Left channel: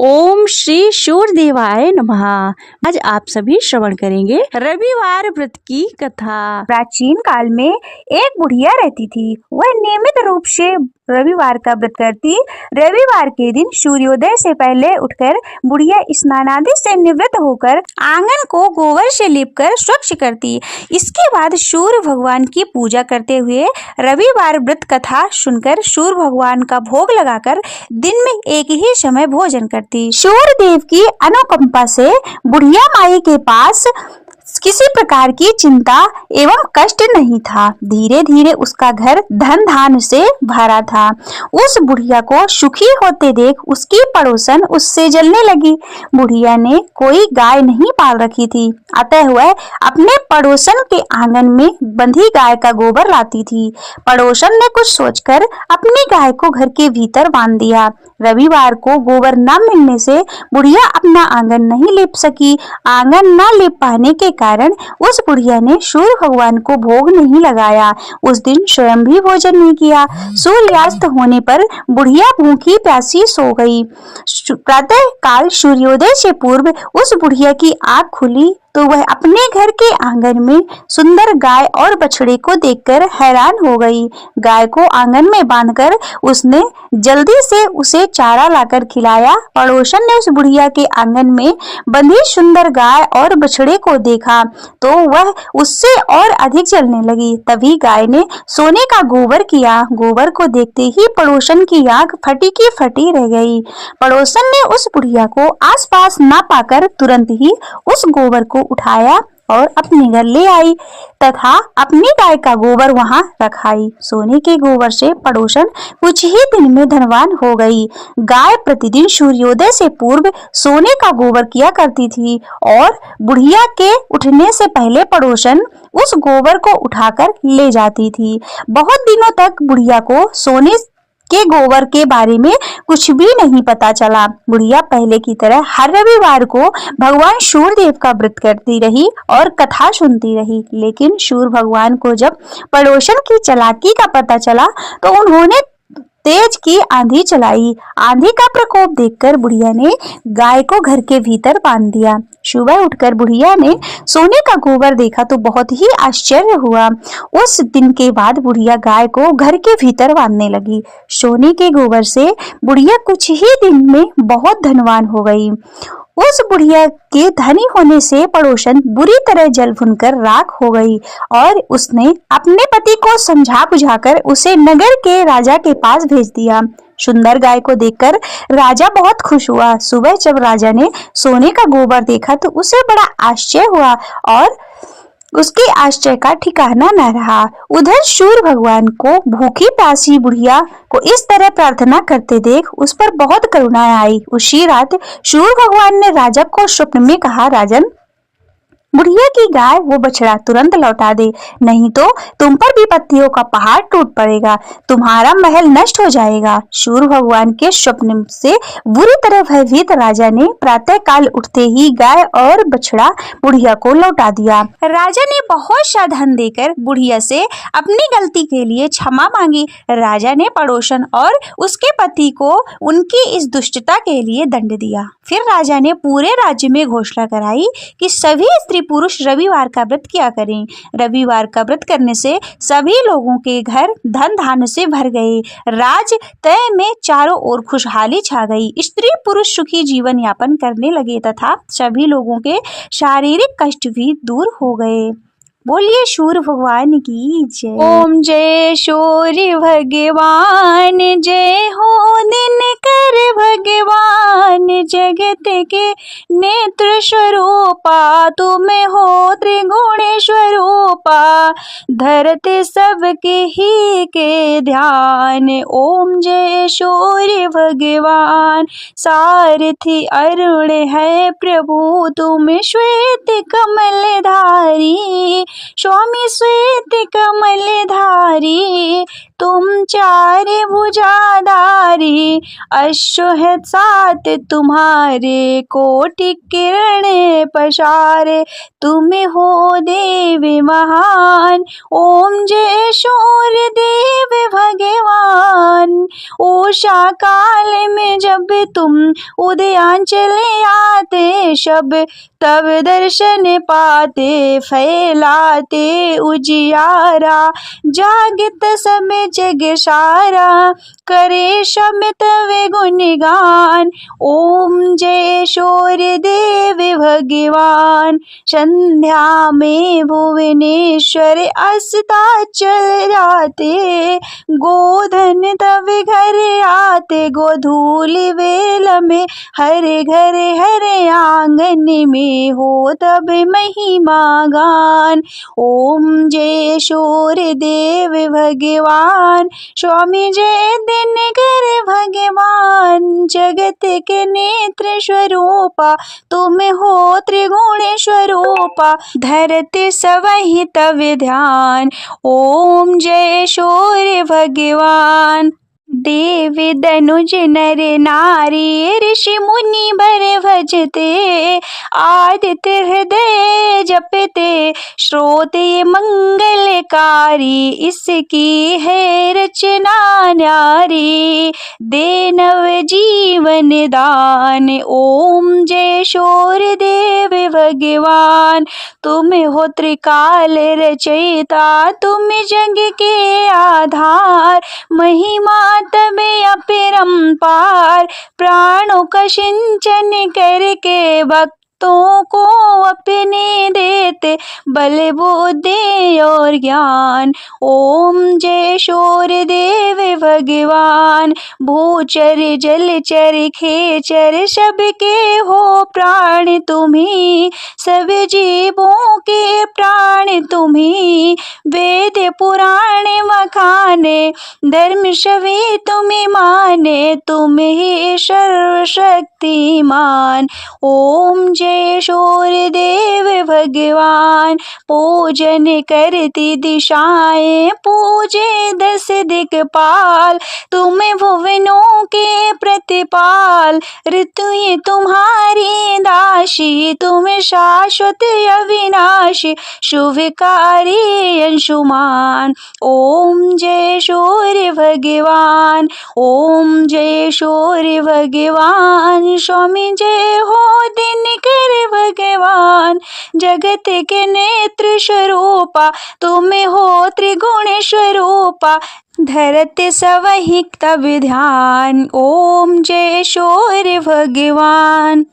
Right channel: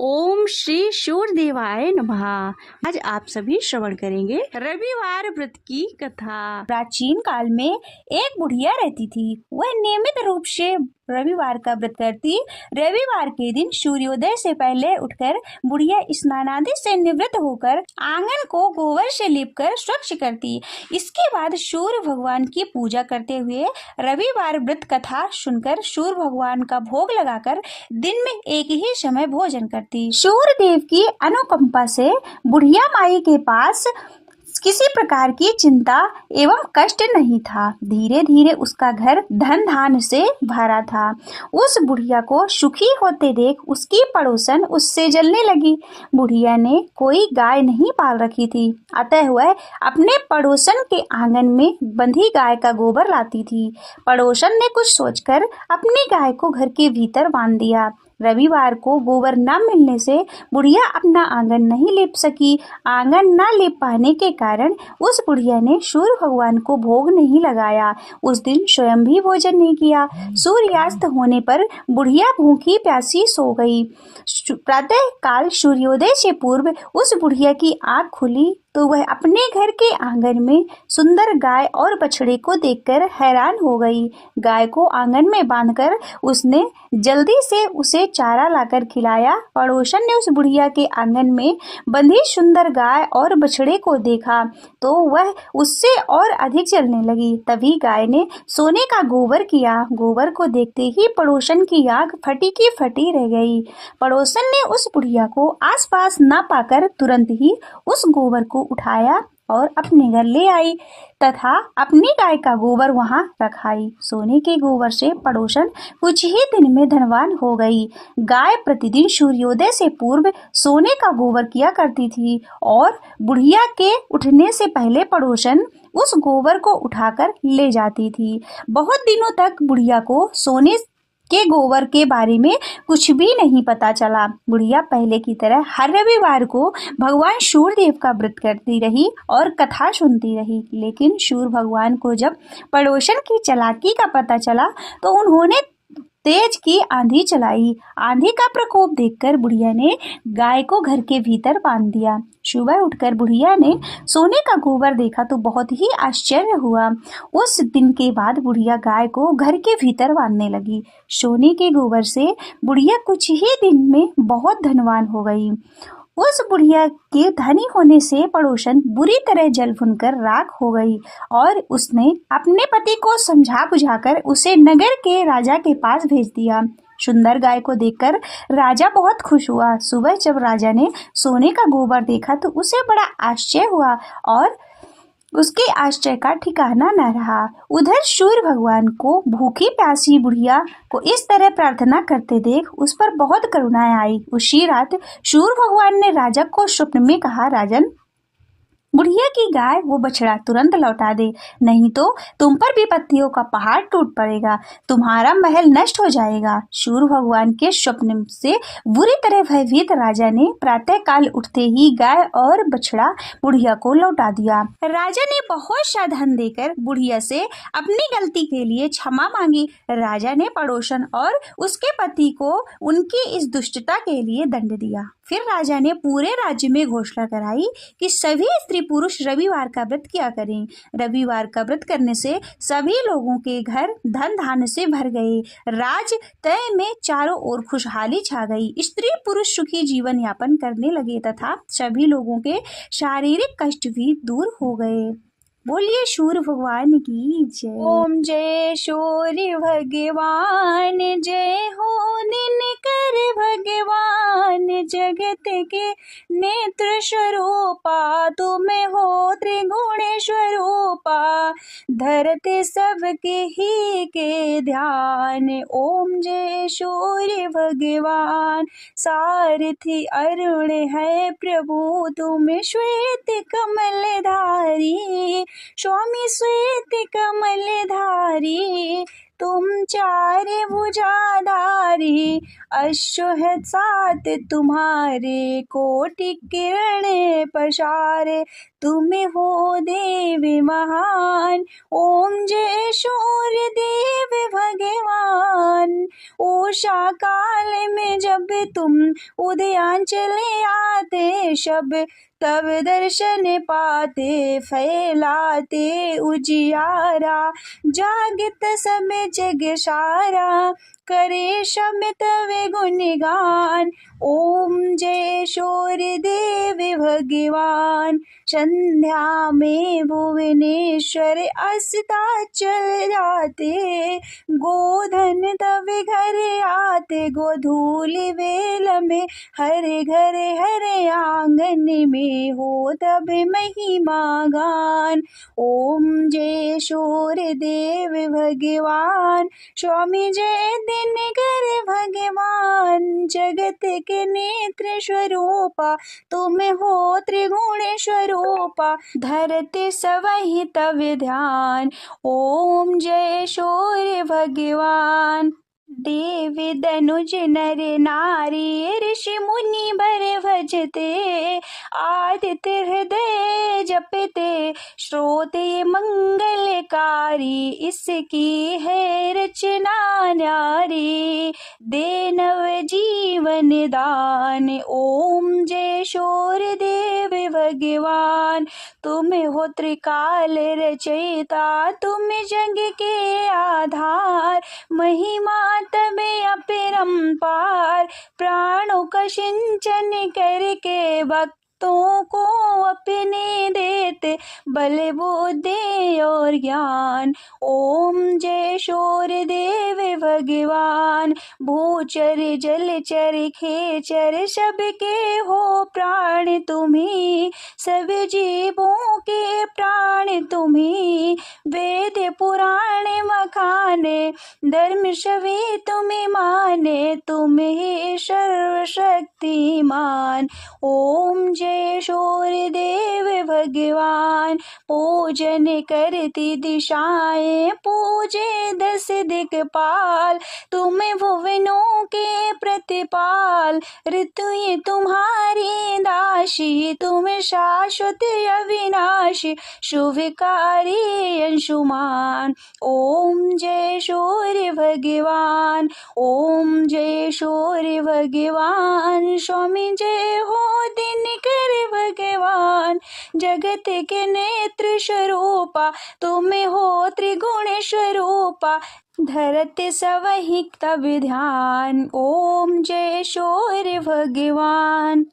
ओम श्री सूर्यदेवाय नमः। आज आप सभी श्रवण करेंगे रविवार व्रत की कथा। प्राचीन काल में एक बुढ़िया रहती थी। वह नियमित रूप से रविवार का व्रत करती। रविवार के दिन सूर्योदय से पहले उठकर बुढ़िया स्नान आदि से निवृत्त होकर आंगन को गोबर से लीपकर स्वच्छ करती। इसके बाद सूर्य भगवान की पूजा करते हुए रविवार व्रत कथा सुनकर सूर्य भगवान का भोग लगाकर दिन में एक ही समय भोजन करती। सूर्य देव की अनुकंपा से बुढ़िया माई के पास किसी प्रकार की चिंता एवं कष्ट नहीं था। धीरे धीरे उसका घर धन धान से भरा था। उस बुढ़िया को सुखी होते देख उसकी पड़ोसन उससे जलने लगी। बुढ़िया ने कोई गाय नहीं पाल रखी थी, अतः वह अपने पड़ोसन के आंगन में बंधी गाय का गोबर लाती थी। पड़ोसन ने कुछ सोचकर अपनी गाय को घर के भीतर बांध दिया। रविवार को गोबर न मिलने से बुढ़िया अपना आंगन नहीं लीप सकी। आंगन न लीप पाने के कारण उस बुढ़िया ने सूर्य भगवान को भोग नहीं लगाया। उस दिन स्वयं भी भोजन नहीं किया। सूर्यास्त होने पर बुढ़िया भूखी प्यासी सो गई। प्रातः काल सूर्योदय से पूर्व उस बुढ़िया की आंख खुली तो वह अपने घर के आंगन में सुंदर गाय और बछड़े को देखकर हैरान हो गई। गाय को आंगन में बांधकर उसने जल्दी से उसे चारा लाकर खिलाया। पड़ोसन ने उस बुढ़िया के आंगन में बंधी सुंदर गाय और बछड़े को देखा तो वह उससे और अधिक जलने लगी। तभी गाय ने सोने का गोबर किया। गोबर को देखते ही पड़ोसन की आंख फटी की फटी रह गई। पड़ोसन ने उस बुढ़िया को आसपास न पाकर तुरंत ही उस गोबर को उठाया और अपने घर ले आई तथा अपनी गाय का गोबर वहां रखाई। सोने के गोबर से पड़ोसन कुछ ही दिन में धनवान हो गई। गाय प्रतिदिन सूर्योदय से पूर्व सोने का गोबर किया करती थी और बुढ़िया के उठने से पहले पड़ोसन उस गोबर को उठाकर ले जाती थी। बहुत दिनों तक बुढ़िया को सोने के गोबर के बारे में कुछ भी नहीं पता चला। बुढ़िया पहले की तरह हर रविवार को भगवान सूर्य देव का व्रत करती रही और कथा सुनती रही। लेकिन सूर्य भगवान को जब पड़ोसन की चालाकी का पता चला तो उन्होंने तेज की आंधी चलाई। आंधी का प्रकोप देखकर बुढ़िया ने गाय को घर के भीतर बांध दिया। सुबह उठकर बुढ़िया ने सोने का गोबर देखा तो बहुत ही आश्चर्य हुआ। उस दिन के बाद बुढ़िया गाय को घर के भीतर बांधने लगी। सोने के गोबर से बुढ़िया कुछ ही दिन में बहुत धनवान हो गई। उस बुढ़िया के धनी होने से पड़ोसन बुरी तरह जल भुनकर राख हो गई और उसने अपने पति को समझा बुझाकर उसे नगर के राजा के पास भेज दिया। सुंदर गाय को देखकर राजा बहुत खुश हुआ। सुबह जब राजा ने सोने का गोबर देखा तो उसे बड़ा आश्चर्य हुआ और उसके आश्चर्य का ठिकाना न रहा। उधर सूर्य भगवान को भूखी प्यासी बुढ़िया को इस तरह प्रार्थना करते देख उस पर बहुत करुणा आई। उसी रात सूर्य भगवान ने राजा को स्वप्न में कहा, राजन, बुढ़िया की गाय वो बछड़ा तुरंत लौटा दे, नहीं तो तुम पर विपत्तियों का पहाड़ टूट पड़ेगा, तुम्हारा महल नष्ट हो जाएगा। सूर्य भगवान के स्वप्न से बुरी तरह भयभीत राजा ने प्रातः काल उठते ही गाय और बछड़ा बुढ़िया को लौटा दिया। राजा ने बहुत सा धन देकर बुढ़िया से अपनी गलती के लिए क्षमा मांगी। राजा ने पड़ोसन और उसके पति को उनकी इस दुष्टता के लिए दंड दिया। फिर राजा ने पूरे राज्य में घोषणा कराई कि सभी स्त्री पुरुष रविवार का व्रत किया करें। रविवार का व्रत करने से सभी लोगों के घर धन धान से भर गए। राज तय में चारों ओर खुशहाली छा गई। स्त्री पुरुष सुखी जीवन यापन करने लगे तथा सभी लोगों के शारीरिक कष्ट भी दूर हो गए। बोलिए सूर्य भगवान की जय। ओम जय सूर्य भगवान, जय हो दिनकर भगवान, जगत के नेत्र स्वरूपा तुम हो त्रिगुण स्वरूपा, धरते सबके ही के ध्यान। ओम जय सूर्य भगवान, सारथी अरुण है प्रभु तुम श्वेत कमल धारी, स्वामी श्वेत कमल धारी, तुम चार भुजाधारी, अश्व है सात तुम्हारे, कोटि किरण पसारे, तुम हो देव महान। ओम जय सूर्य देव भगवान। उषा काल में जब तुम उदयांचल आते, शब तब दर्शन पाते, फैलाते उजियारा, जागत सब जग सारा, करे शमित वे गुणगान। ओम जय सूर्य देव भगवान। संध्या में भुवनेश्वर अस्ताचल जाते, गोधन तब घर आते, गोधूलि वेल में हरे घरे हरे आंगन में हो तब महिमा गान। ओम जय सूर्य देव भगवान। स्वामी जय दिनकर भगवान, जगत के नेत्र स्वरूपा, तुम हो त्रिगुण स्वरूपा, धरती सवहि तव ध्यान। ओम जय सूर्य भगवान। देव दनुज नर नारी, ऋषि मुनि बर भजते, आदित्य हृदय जपते, श्रोते मंगलकारी, इसकी है रचना न्यारी, दे नव जीवन दान। ओम जय सूर्य देव भगवान। तुम हो त्रिकाल रचयिता, तुम जग के आधार, महिमा तब अपरंपार, प्राणों का सिंचन करके भक्तों को अपने देते, बल बुद्धि और ज्ञान। ओम जय सूर्य देव भगवान। भूचर जलचर खेचर सबके हो प्राण तुम्ही, सब जीवों के प्राण तुम्ही, वेद पुराण मखाने, धर्म सभी तुम्हें माने, तुम ही सर्वशक्तिमान। ओम जय सूर्य देव भगवान। पूजन करती दिशाएं, पूजे दस दिक्पाल, तुम भुवनों के प्रतिपाल, ऋतु ये तुम्हारी दासी, तुम शाश्वत अविनाशी, शुभकारी अंशुमान। ओम जय सूर्य भगवान। ओम जय सूर्य भगवान। स्वामी जय हो दिनकर भगवान, जगत के नेत्र स्वरूपा, तुम हो त्रिगुण स्वरूपा, धरती सवहि तब ध्यान। ओम जय सूर्य भगवान।